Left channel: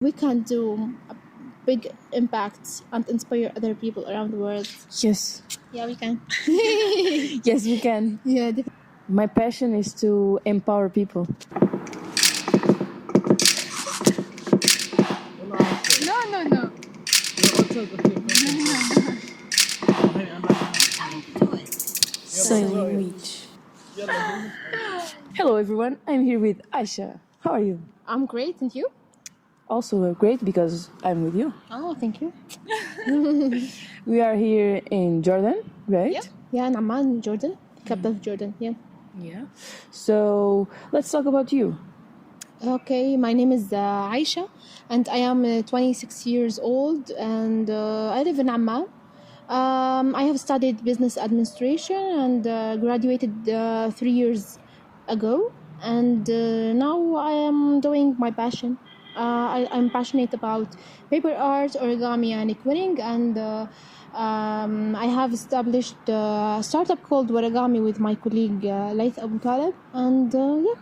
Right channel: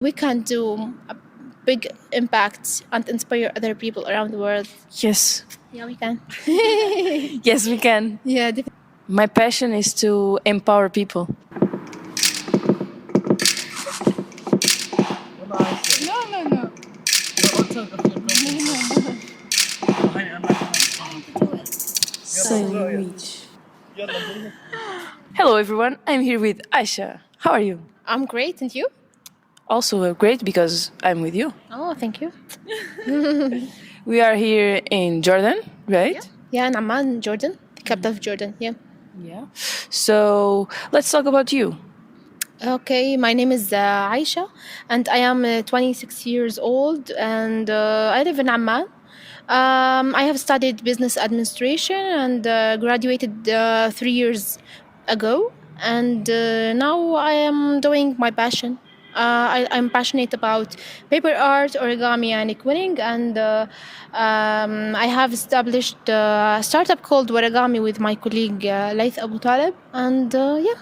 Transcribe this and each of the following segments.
we can do a big impact and inspire other people around the world. Yes. Yeah, we can. Yes, we can. Yeah, definitely. My passion is to empower people. No. Sailing Beach. Hello, everyone. I'm here with Aisha. How are you? I'm great, and you? Also great because I'm with you. Oh, thank you. We are here in Jordan, right? Yeah, in Amman, Jordan, the capital of Jordan. Yeah. Yeah. So let's talk about you. Okay, my name is Aisha, and I am 26 years old, and I live in Amman. I have studied business administration and graduated 3 years ago, and now I am doing my passion. I'm passionate about paper art, origami, and quilling, and I have established a startup called Waragami with my colleague Laith Abu Talib, and yeah,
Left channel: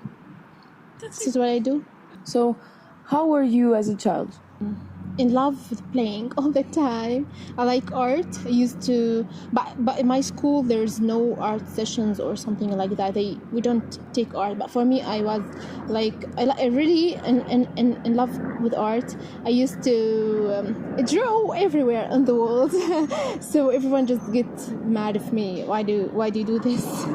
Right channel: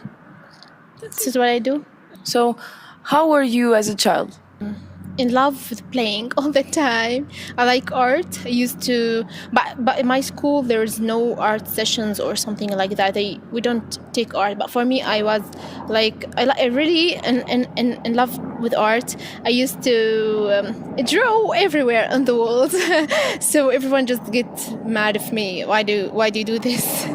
this is what I do. So, how were you as a child? In love with playing all the time. I like art. I used to, but in my school there's no art sessions or something like that. We don't take art. But for me, I was like I really in love with art. I used to draw everywhere on the walls, so everyone just gets mad of me. Why do you do this?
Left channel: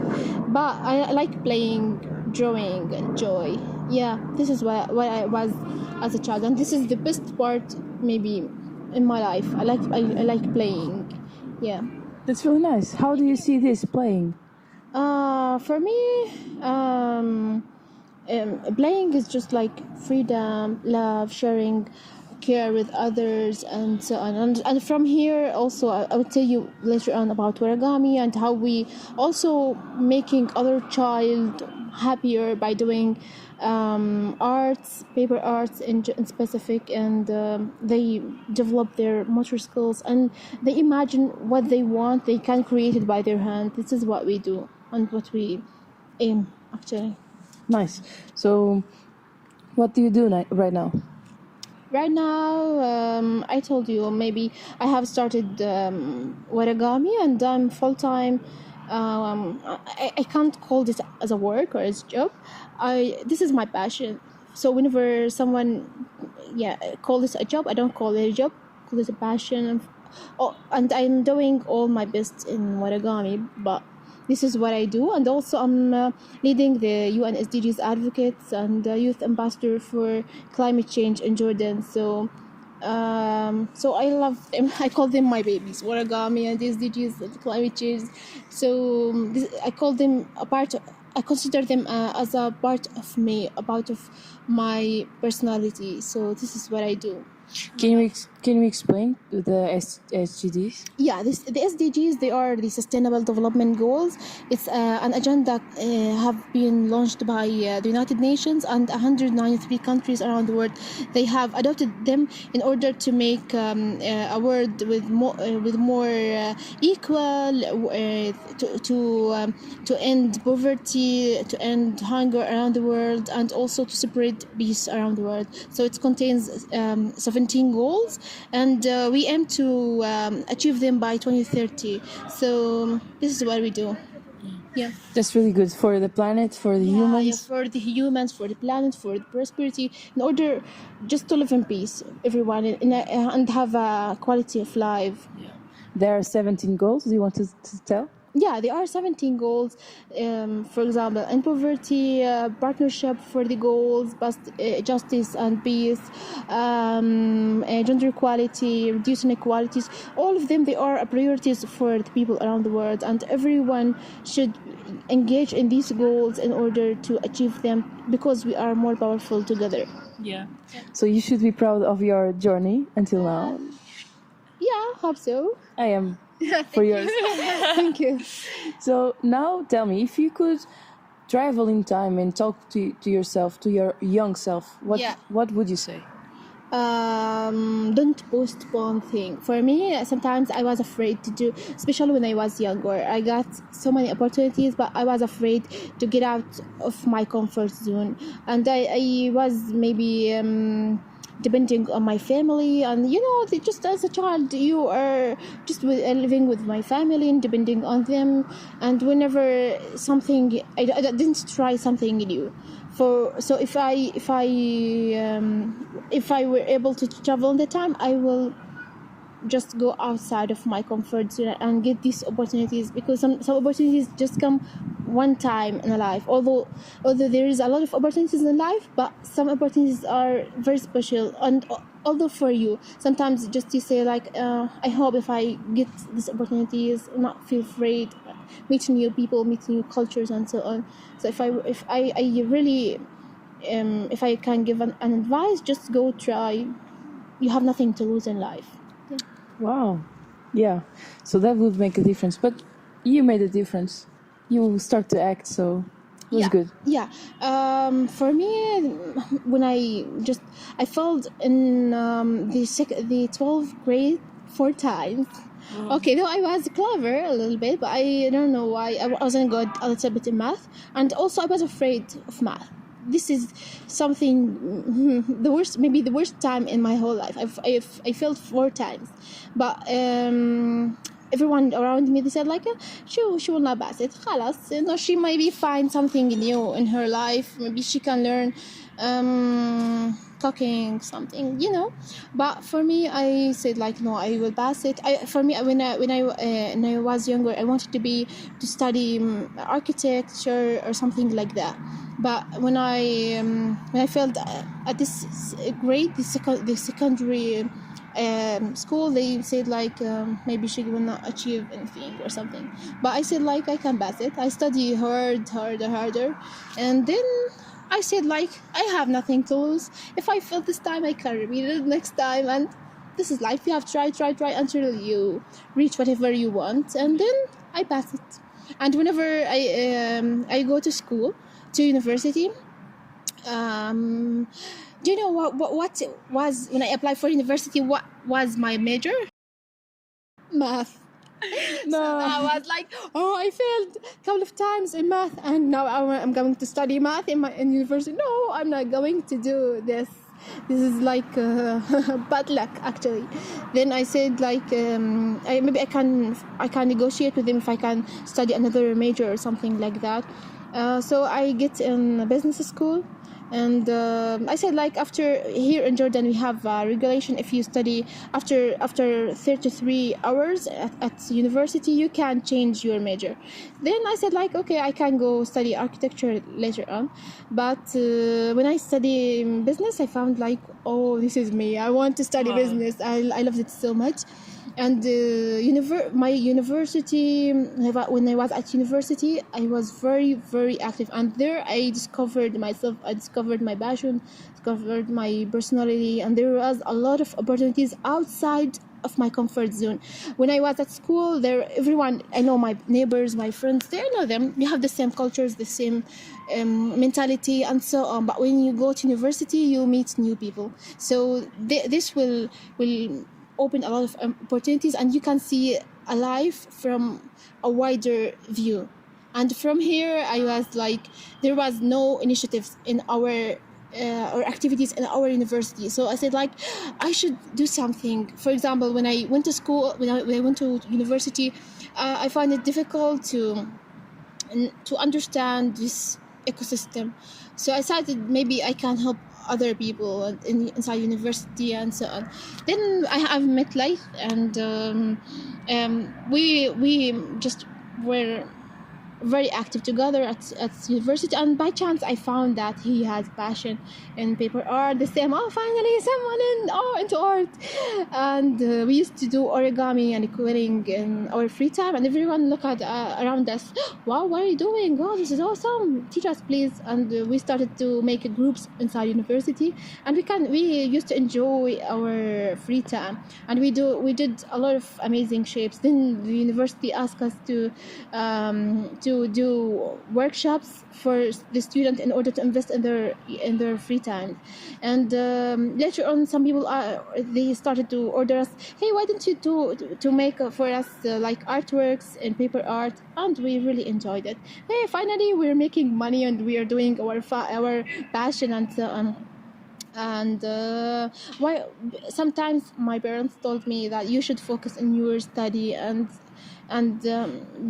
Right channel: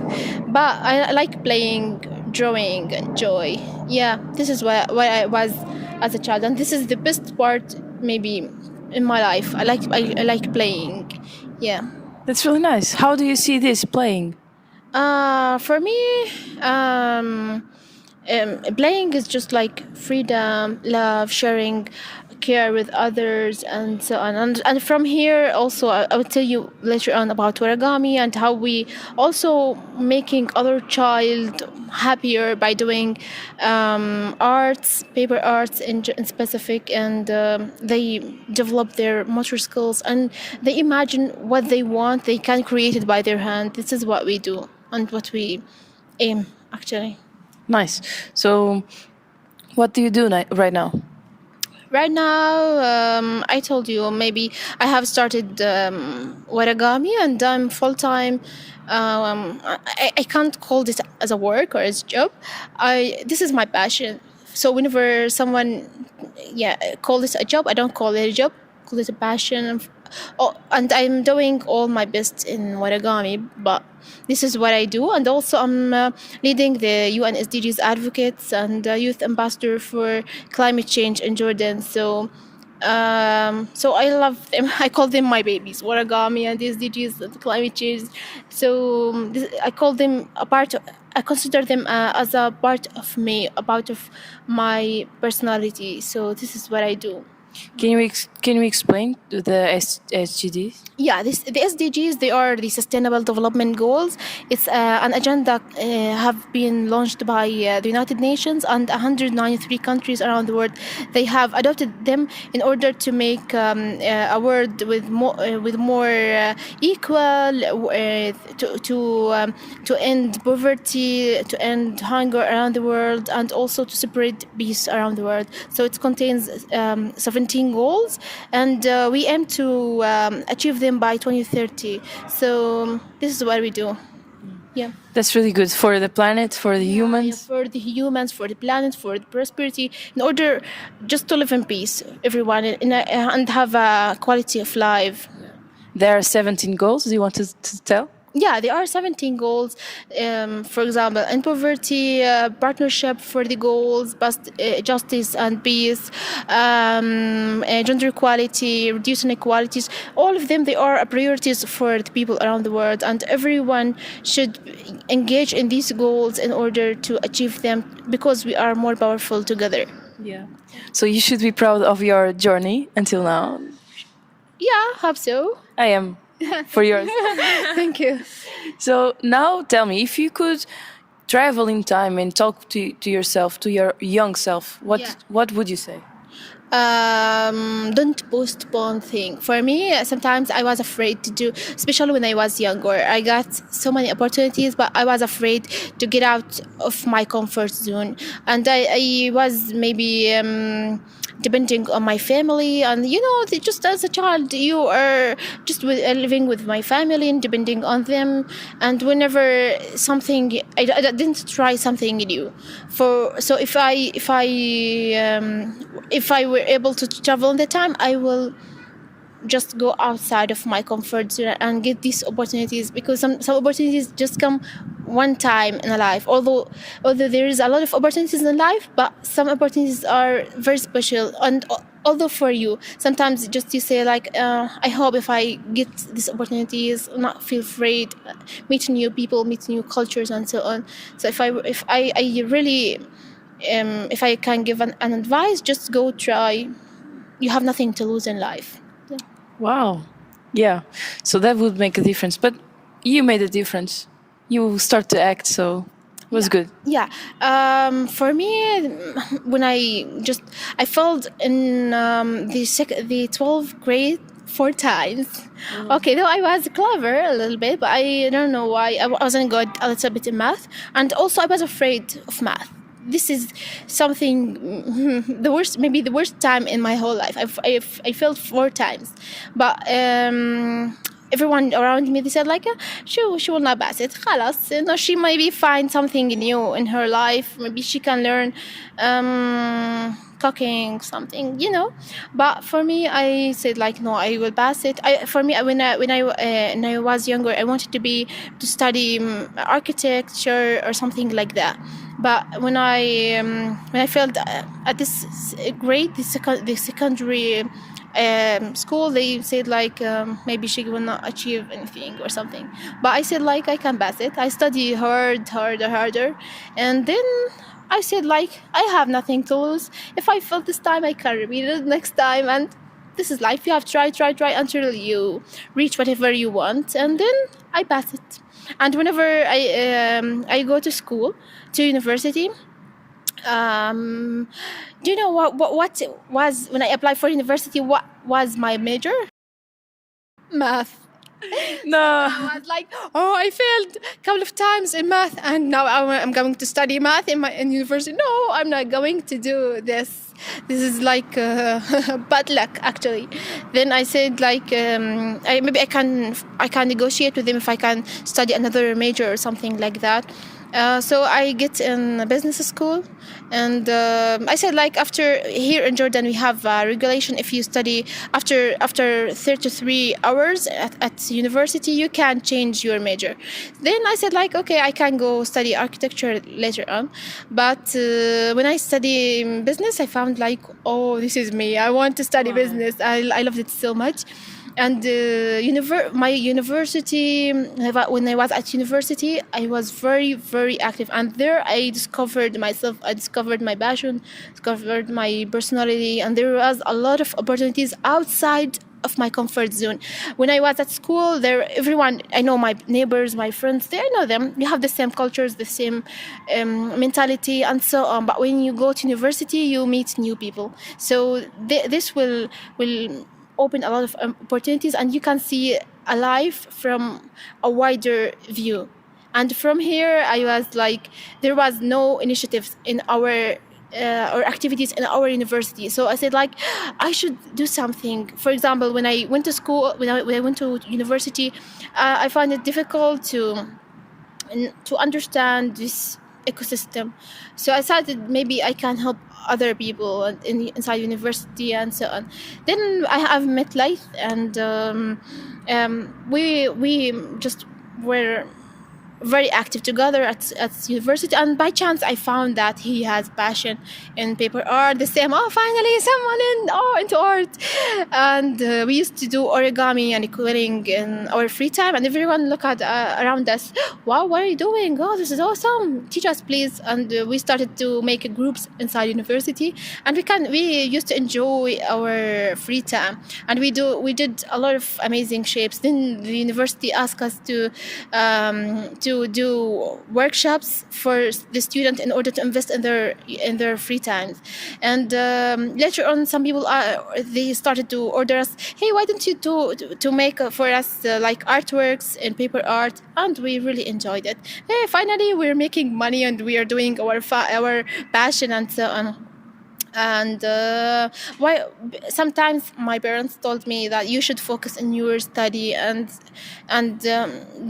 But I like playing, drawing, and joy. Yeah, this is what I was as a child, and this is the best part maybe in my life. I like playing. Yeah. That's really nice. How do you see this playing? For me, playing is just like freedom, love, sharing, care with others, and so on. And from here, also, I will tell you later on about origami and how we also making other child happier by doing arts, paper arts in specific, and they develop their motor skills and they imagine what they want. They can create it by their hand. This is what we do and what we aim actually. Nice. So, what do you do right now? Right now, I told you maybe I have started Waragami and I'm full time. I can't call this as a work or as a job. This is my passion. So whenever someone call this a job, I don't call it a job. Call it a passion. And I'm doing all my best in Waragami, but this is what I do. And also I'm leading the UN SDGs advocates and youth ambassador for climate change in Jordan. So I love them. I call them my babies, Waragami and SDGs and climate change. So I call them I consider them as a part of me, a part of my personality. So this is what I do. Can you explain the SDGs? Yeah, the SDGs, they are the Sustainable Development Goals. It's an agenda have been launched by the United Nations and 193 countries around the world. They have adopted them in order to make a world with more equal, to end poverty, to end hunger around the world, and also to spread peace around the world. So it contains 17 goals, and we aim to achieve them by 2030. So this is what we do. Yeah. That's really good for the planet, for the humans. Yeah, for the humans, for the planet, for the prosperity, in order just to live in peace, everyone, and have a quality of life. Yeah. There are 17 goals. Do you want to tell? Yeah, there are 17 goals. For example, in poverty, partnership for the goals, justice and peace, gender equality, reducing inequalities. All of them, they are priorities for the people around the world, and everyone should engage in these goals in order to achieve them, because we are more powerful together. Yeah. So you should be proud of your journey until now. Yeah, hope so. I am. For yours. Thank you. So now tell me, if you could travel in time and talk to yourself, to your young self, what would you say? Don't postpone thing. For me, sometimes I was afraid to do, especially when I was younger. I got so many opportunities, but I was afraid to get out of my comfort zone, and I was maybe depending on my family, and just as a child you are just living with my family and depending on them, and whenever something I didn't try something new. So if I were able to travel in the time, I will just go outside of my comfort zone and get these opportunities, because some opportunities just come one time in a life. Although there is a lot of opportunities in life, but some opportunities are very special. And although for you, sometimes just you say like, I hope if I get these opportunities, not feel afraid, meet new people, meet new cultures, and so on. So if I really if I can give an advice, just go try. You have nothing to lose in life. Wow. Yeah. So that would make a difference. But you made a difference. You start to act, so it was good. Yeah. For me, when I failed in the 12th grade 4 times. Okay, though I was clever a little bit, but I don't know why I wasn't good a little bit in math, and also I was afraid of math. This is something the worst time in my whole life. I failed 4 times, but everyone around me, they said like, she will not pass it. خلاص, she maybe find something new in her life. Maybe she can learn cooking something, But for me, I said like, no, I will pass it. When I was younger, I wanted to study architecture or something like that. But when I failed at this grade, the secondary school, they said like, maybe she will not achieve anything or something. But I said like, I can pass it. I study harder, and then I said like, I have nothing to lose. If I fail this time, I can repeat it next time, and this is life. You have to try until you reach whatever you want, and then I pass it. And whenever I go to school, to university, do you know what was when I applied for university? What was my major? Math. No. I was like, I failed a couple of times in math, and now I'm going to study math in university. No, I'm not going to do this. This is like bad luck, actually. Then I said like, maybe I can negotiate with them if I can study another major or something like that. So I get in a business school, and I said like, after here in Jordan we have a regulation. If you study after 33 hours at university, you can change your major. Then I said like, okay, I can go study architecture later on. But when I study business, I found like, this is me. I want to study business. I loved it so much. And my university, when I was at university, I was very, very active, and there I discovered myself. I discovered my passion, discovered my personality, and there was a lot of opportunities outside of my comfort zone. When I was at school, everyone, I know my neighbors, my friends, I know them. We have the same cultures, the same mentality, and so on. But when you go to university, you meet new people. So this will open a lot of opportunities, and you can see a life from a wider view. And from here, I was like, there was no initiatives in our or activities in our university. So I said like, I should do something. For example, when I went to school, when I went to university, I found it difficult to understand this ecosystem. So I started, maybe I can help other people inside university and so on. Then I have met Laith, and we just were very active together at university, and by chance I found that he has passion in paper art, the same. Finally someone into art. And we used to do origami and quilling in our free time, and everyone look at around us, wow, what are you doing? This is awesome, teach us please. And we started to make groups inside university, and we used to enjoy our free time, and we did a lot of amazing shapes. Then the university asked us to to do workshops for the student in order to invest in their free time. And later on, some people they started to order us, hey, why don't you to make for us like artworks and paper art, and we really enjoyed it. Hey, finally we're making money and we are doing our passion and so on. And why sometimes my parents told me that you should focus on your study and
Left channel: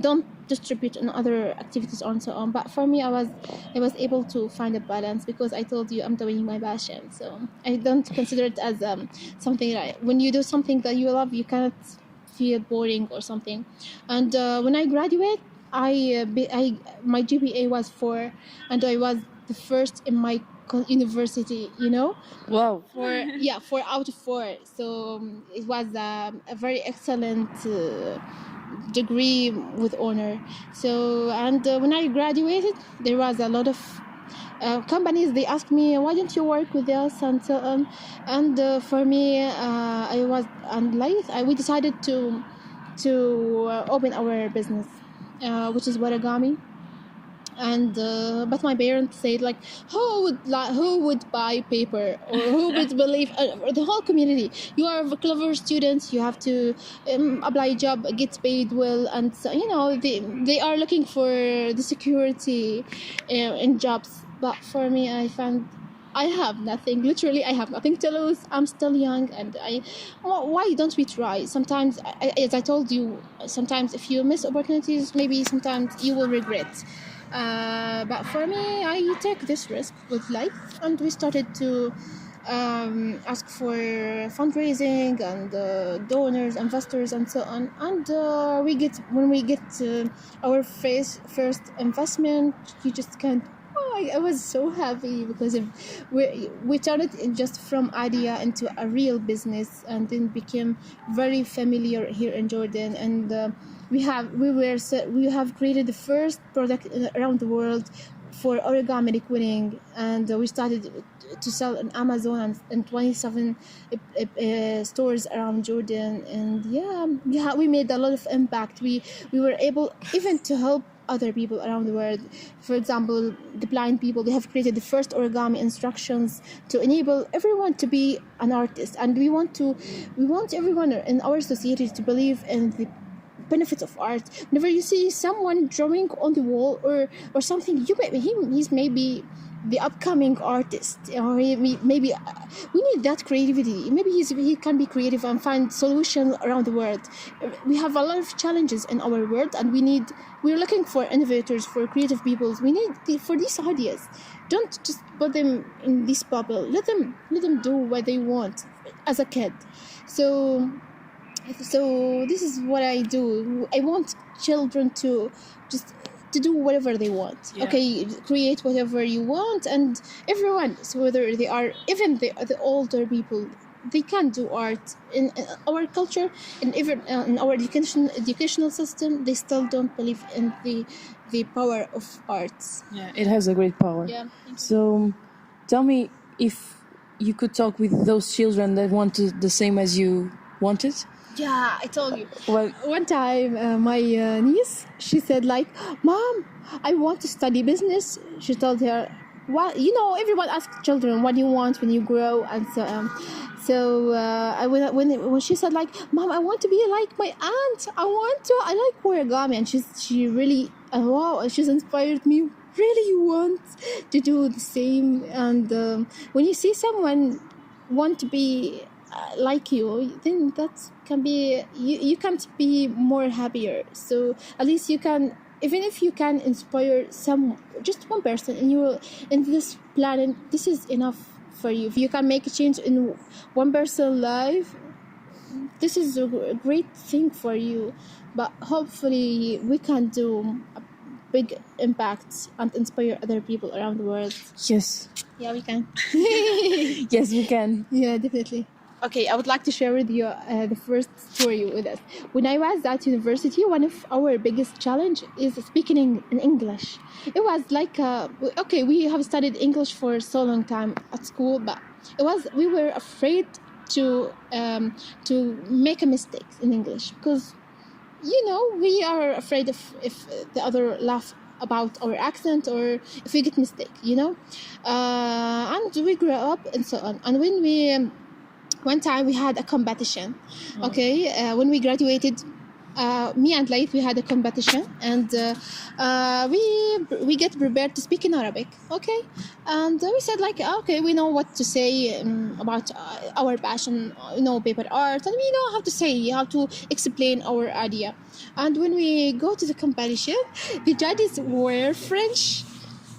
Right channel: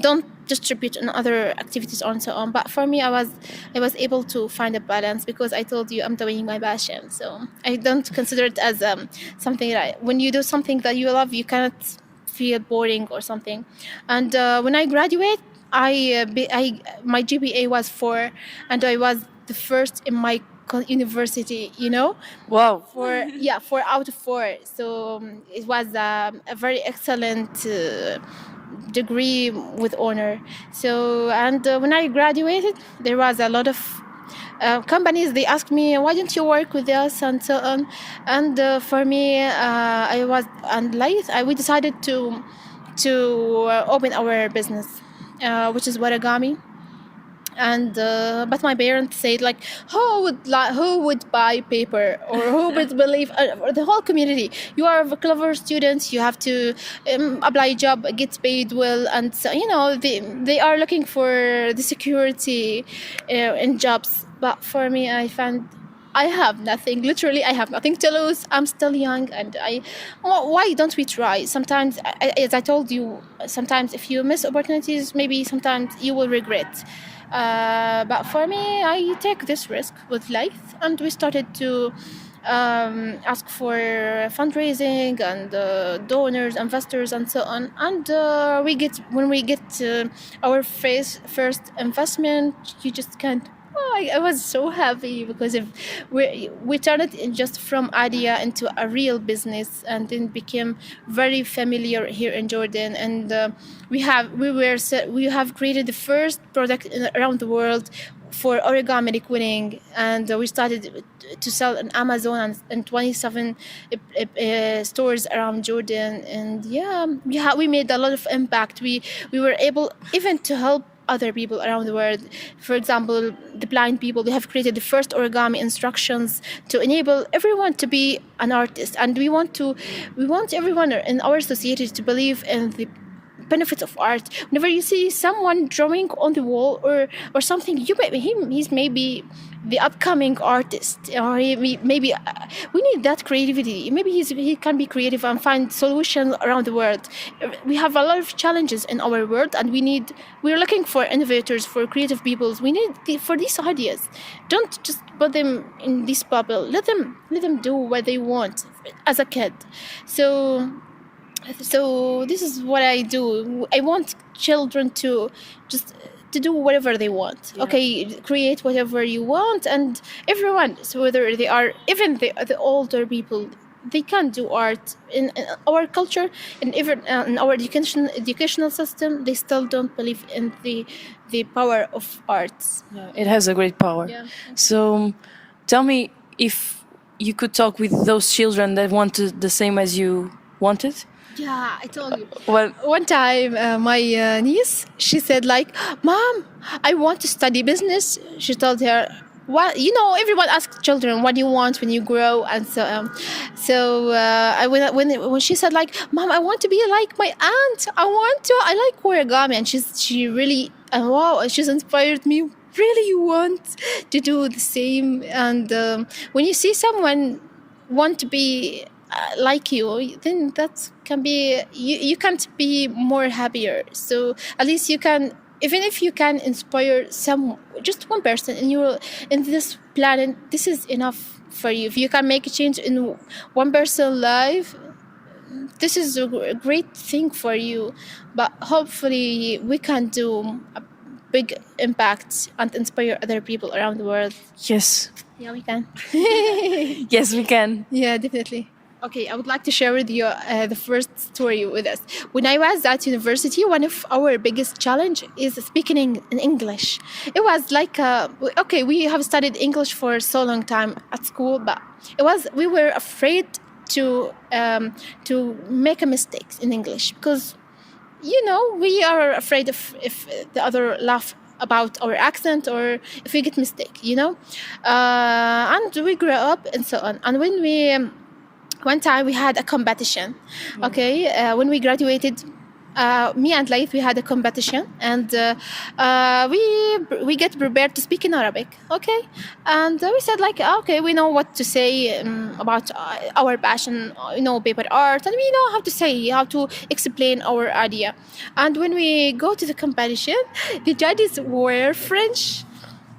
don't distribute on other activities and so on. But for me, I was able to find a balance, because I told you I'm doing my passion, so I don't consider it as something that when you do something that you love, you cannot feel boring or something. And when I graduate, my GPA was 4, and I was the first in my university, Wow. 4 out of 4. So it was a very excellent degree with honor. So, and when I graduated, there was a lot of companies. They asked me, why don't you work with us and so on. And for me, I was and Laith, we decided to open our business, which is Waragami. And but my parents said, like, who would buy paper, or who would believe, or the whole community, you are a clever student, you have to apply a job, get paid well, and so, they are looking for the security in jobs. But for me, I found I have nothing. Literally, I have nothing to lose. I'm still young, and why don't we try? Sometimes, as I told you, sometimes if you miss opportunities, maybe sometimes you will regret. But for me, I take this risk with Laith, and we started to ask for fundraising and donors, investors, and so on. And when we get our first investment, you just can't. I was so happy, because we turned it just from idea into a real business, and then became very familiar here in Jordan. And we have created the first product around the world for origami liquining, and we started to sell on Amazon and 27 stores around Jordan. And we made a lot of impact. We were able even to help other people around the world. For example, the blind people, we have created the first origami instructions to enable everyone to be an artist. And we want everyone in our society to believe in the benefits of art. Whenever you see someone drawing on the wall or something, he's maybe the upcoming artist, or maybe we need that creativity. Maybe he can be creative and find solutions around the world. We have a lot of challenges in our world, and we're looking for innovators, for creative people. We need for these ideas. Don't just put them in this bubble. Let them do what they want as a kid. So this is what I do. I want children to do whatever they want. Yeah. Okay, create whatever you want, and everyone, so whether they are even the older people, they can do art. In our culture, and even in our educational system, they still don't believe in the power of arts. Yeah, it has a great power. Yeah. So tell me, if you could talk with those children that wanted the same as you wanted. Yeah, I told you. Well, One time, my niece, she said, like, Mom, I want to study business. She told her, well, everyone asks children, what do you want when you grow? And when she said, like, Mom, I want to be like my aunt. I like origami. And she really, wow, she's inspired me. Really, you want to do the same? And when you see someone want to be like you, then that can be, you can't be more happier. So at least you can, even if you can inspire just one person in this planet, this is enough for you. If you can make a change in one person's life, this is a great thing for you. But hopefully we can do a big impact and inspire other people around the world. yes. Yeah, we can. Yes, we can. Yeah, definitely. Okay, I would like to share with you the first story with us. When I was at university, one of our biggest challenge is speaking in English. It was like, we have studied English for so long time at school, but we were afraid to make a mistake in English, because we are afraid of if the other laugh about our accent or if we get mistake. And we grow up and so on. And when we one time we had a competition. Okay, when we graduated, me and Laith, we had a competition, and we get prepared to speak in Arabic. Okay, and we said like, okay, we know what to say about our passion, paper art, and we know how to explain our idea. And when we go to the competition, the judges were French,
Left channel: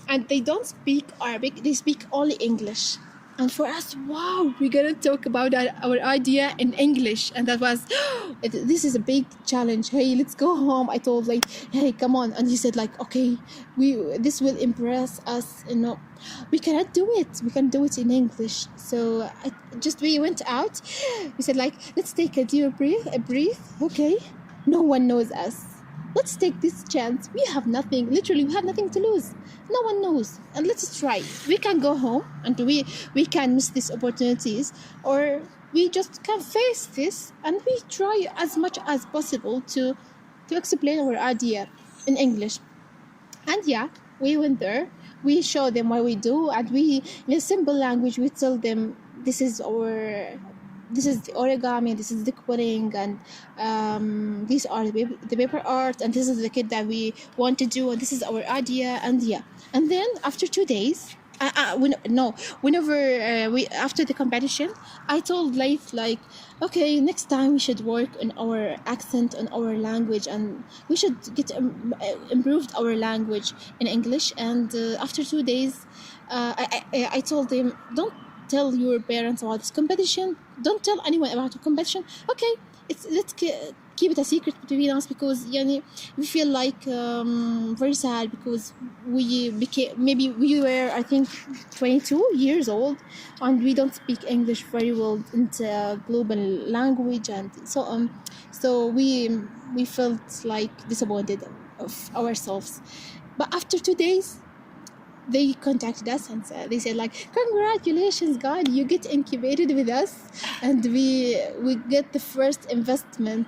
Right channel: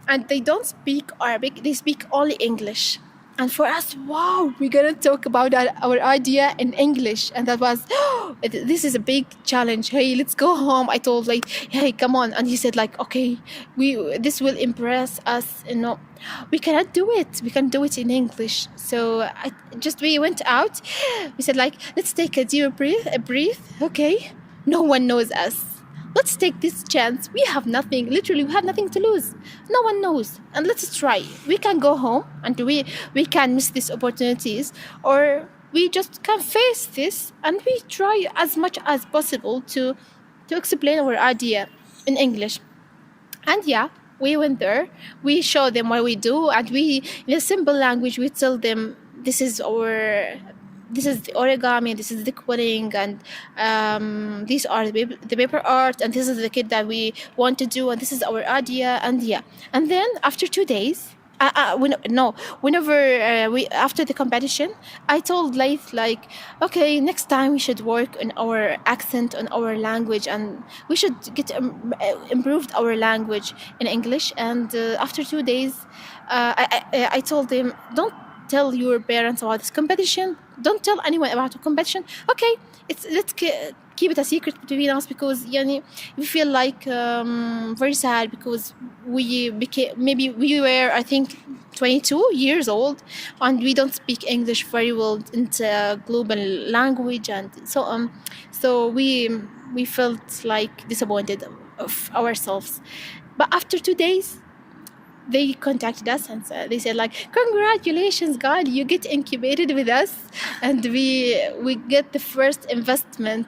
and they don't speak Arabic; they speak only English. And for us, wow, we're gonna talk about our idea in English, and that was, this is a big challenge. Hey, let's go home. I told like, hey, come on, and he said like, okay, this will impress us. We cannot do it. We can do it in English. So we went out. We said like, let's take a deep breath. Okay, no one knows us. Let's take this chance. We have nothing. Literally, we have nothing to lose. No one knows. And let's try. We can go home and we can miss these opportunities, or we just can face this and we try as much as possible to explain our idea in English. And yeah, we went there. We show them what we do, and we, in a simple language, we tell them this is the origami, this is the quilling, and these are the paper art, and this is the kit that we want to do, and this is our idea. And yeah, and then after 2 days, whenever we after the competition, I told Laith like, okay, next time we should work on our accent, on our language, and we should get improved our language in English. And after 2 days, I told him, don't tell your parents about this competition. Don't tell anyone about the competition. Okay, let's keep it a secret between us, because we feel like very sad, because we were, I think, 22 years old, and we don't speak English very well. It's a global language, and so on. So we felt like disappointed of ourselves. But after 2 days, they contacted us and they said like, congratulations, God, you get incubated with us, and we get the first investment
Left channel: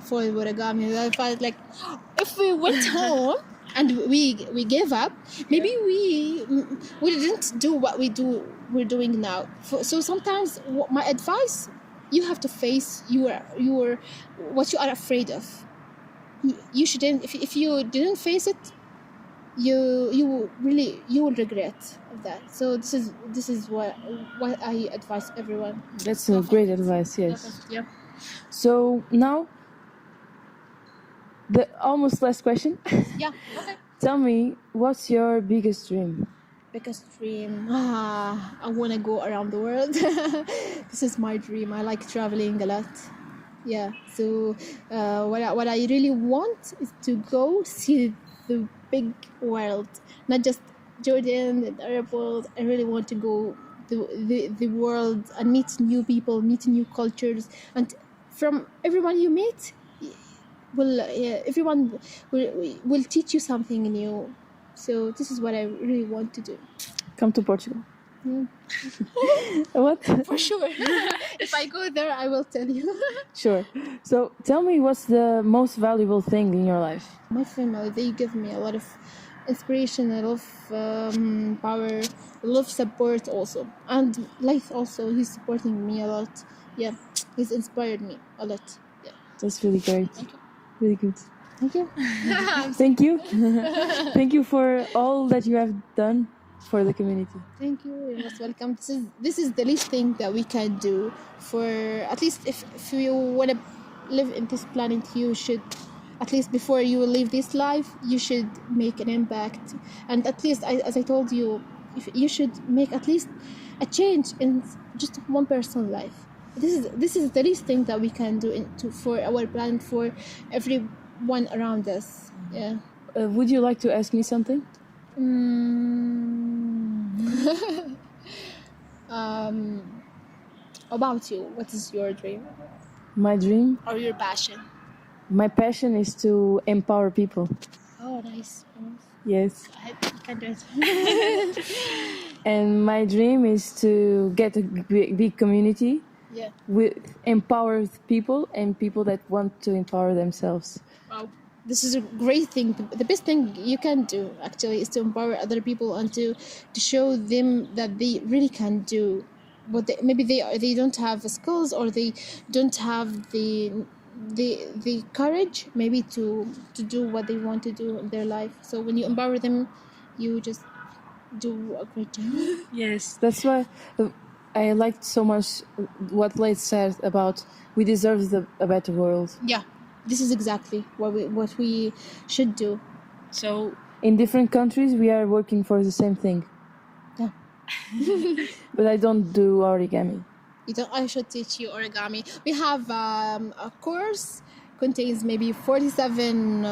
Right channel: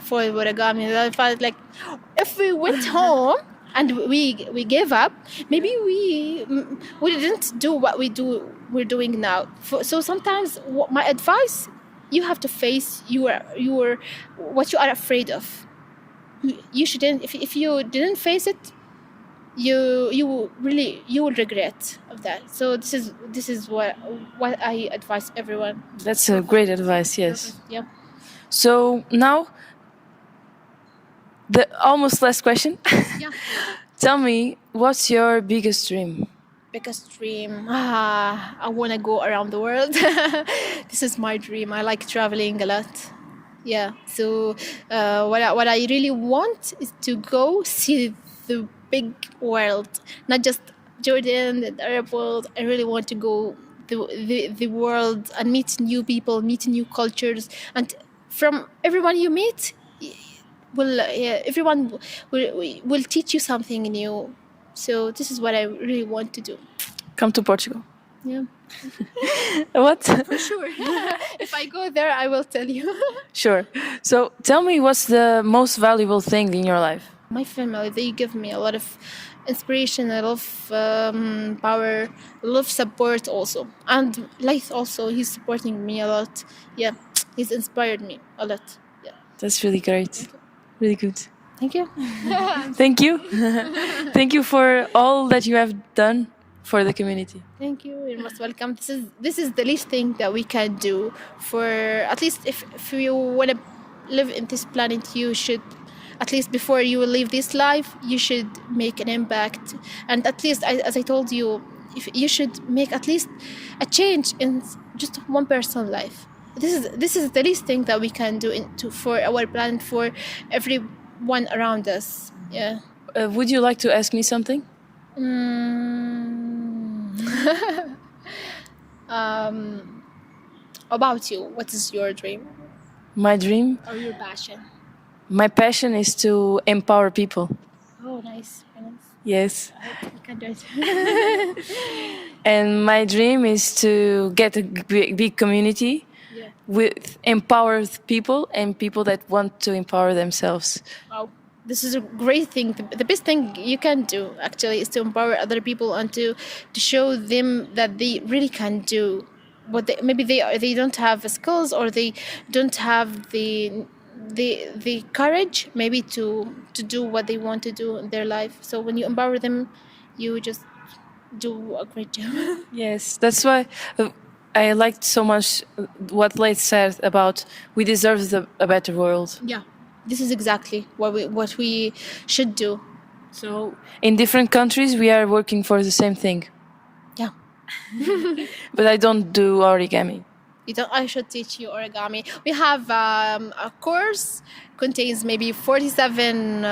for Waragami. I felt like, if we went home and we gave up, maybe we didn't do what we're doing now. So sometimes my advice, you have to face your what you are afraid of. You shouldn't, if you didn't face it, you will regret of that. So this is what I advise everyone. That's a great advice. Yes. Yeah. So now, the almost last question. Yeah. Tell me, what's your biggest dream? Biggest dream. I want to go around the world. This is my dream. I like traveling a lot. Yeah. So what I really want is to go see the big world, not just Jordan, the Arab world. I really want to go the world and meet new people, meet new cultures, and from everyone you meet, everyone will teach you something new. So this is what I really want to do. Come to Portugal. Yeah. What? For sure. If I go there, I will tell you. Sure. So tell me, what's the most valuable thing in your life? My family, they give me a lot of inspiration, a lot of power, a lot of support also. And Laith also, he's supporting me a lot. Yeah, he's inspired me a lot. Yeah. That's really great. Really good. Thank you. Thank you. Thank you for all that you have done for the community. Thank you. You're most welcome. This is the least thing that we can do for, at least if you want to live in this planet, you should, at least before you will leave this life, you should make an impact. And at least, as I told you, if you should make at least a change in just one person's life. This is the least thing that we can do for our planet, for everyone around us. Yeah. Would you like to ask me something? About you, what is your dream My dream? or your passion? My passion is to empower people. Oh, nice. Yes. I hope you can do it. And my dream is to get a big community Yeah. with empowered people and people that want to empower themselves. Wow, this is a great thing. The best thing you can do actually is to empower other people and to show them that they really can do what maybe they don't have the skills, or they don't have the courage maybe to do what they want to do in their life. So when you empower them, you just do a great job. Yes, that's why I liked so much what Laith said about we deserve a better world. Yeah, this is exactly what we should do. So in different countries, we are working for the same thing. Yeah. But I don't do origami. I should teach you origami. We have a course, contains maybe 47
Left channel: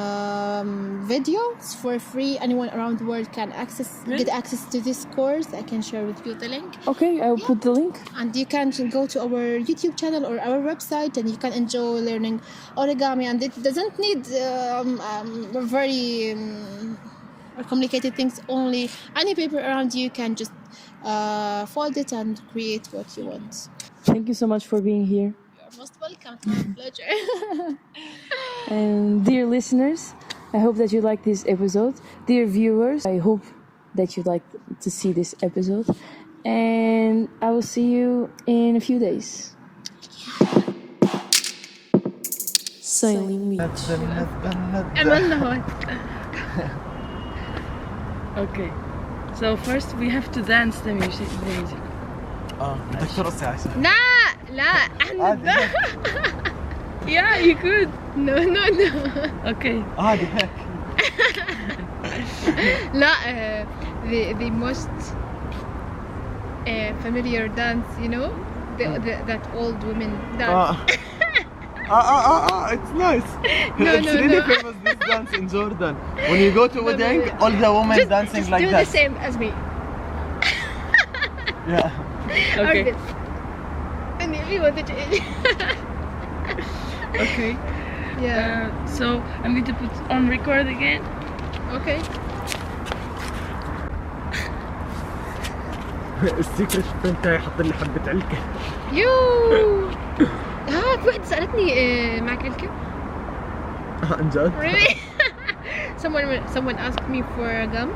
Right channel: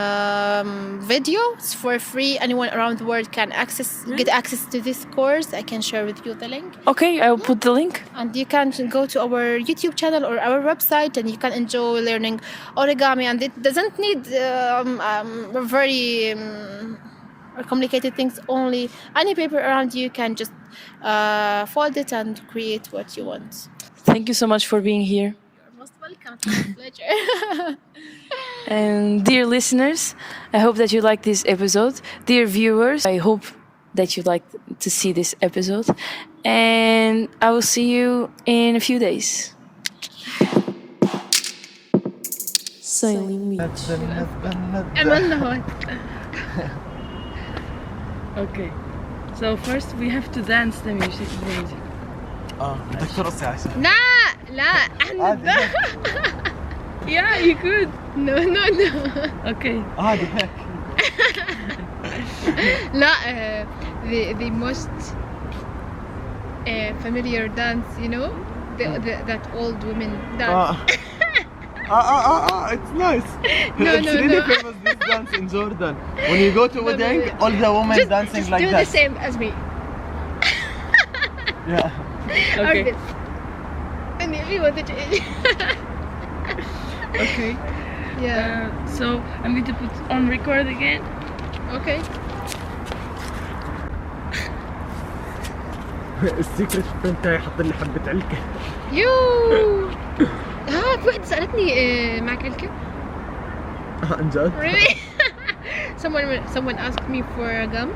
videos for free. Anyone around the world can get access to this course. I can share with you the link. Okay, I'll put the link. And you can go to our YouTube channel or our website, and you can enjoy learning origami. And it doesn't need very complicated things. Only any paper around you can just fold it and create what you want. Thank you so much for being here. You're most welcome. It's my pleasure. And dear listeners, I hope that you like this episode. Dear viewers, I hope that you like to see this episode. And I will see you in a few days. Sailing Beach. Okay. So first we have to dance the music. بدك ترقصي عايشة. لا احنا Yeah, you could. no Okay. عادي هيك. لا the most familiar dance, you know, that old women dance. It's nice. No, It's no, really no. famous, this dance in Jordan. When you go to a wedding, all the women dancing just like do that. the same as me. Yeah. Okay. Or this. And if you want to change. Okay. Yeah. So I'm going to put on record again. Okay. السيكرت فريند تاعي حط لي حبة علكة. يو في واحدة سألتني معك علكة؟ عن جد؟ Really? someone asked me for a gum,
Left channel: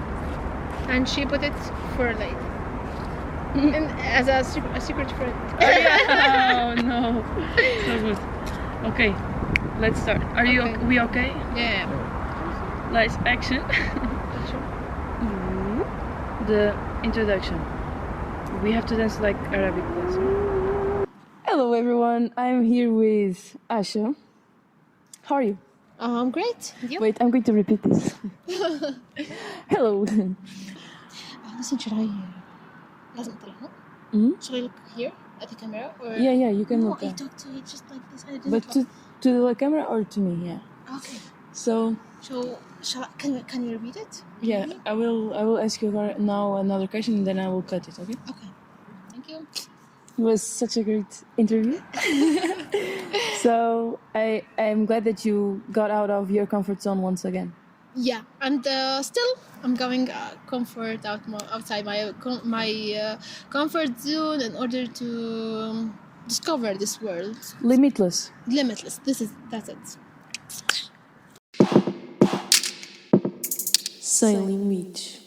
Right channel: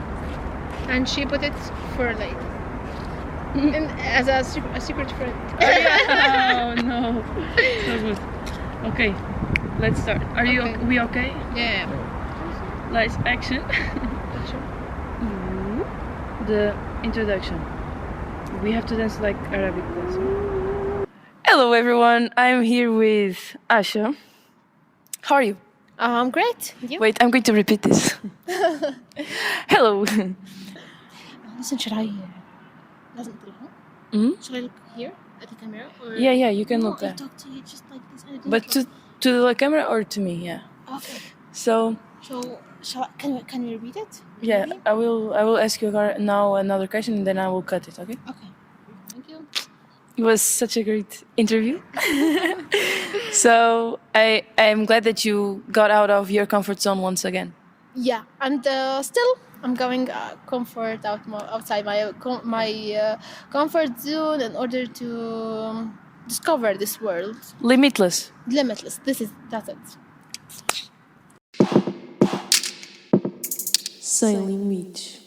and she put it for Laith. And as a secret friend. Oh no. So good. Okay. Let's start. Are you Okay. we okay? Yeah. Lights, action. The introduction. We have to dance like Arabic dance. Hello everyone. I'm here with Aisha. How are you? Great. Yep. Wait, I'm going to repeat this. Hello. Listen, should I لازم أطلعها؟ Mhm. Should I look here at the camera? Or Yeah, you can no, look I there. talk to you just like this. I didn't But talk. to the camera or to me, yeah. Okay. So So can you repeat it? yeah, I will ask you now another question and then I will cut it, okay? Okay. Thank you. It was such a great interview. So I'm glad that you got out of your comfort zone once again. Yeah, and still I'm going outside my comfort zone in order to discover this world. Limitless. Limitless. That's it. Sailing Beach.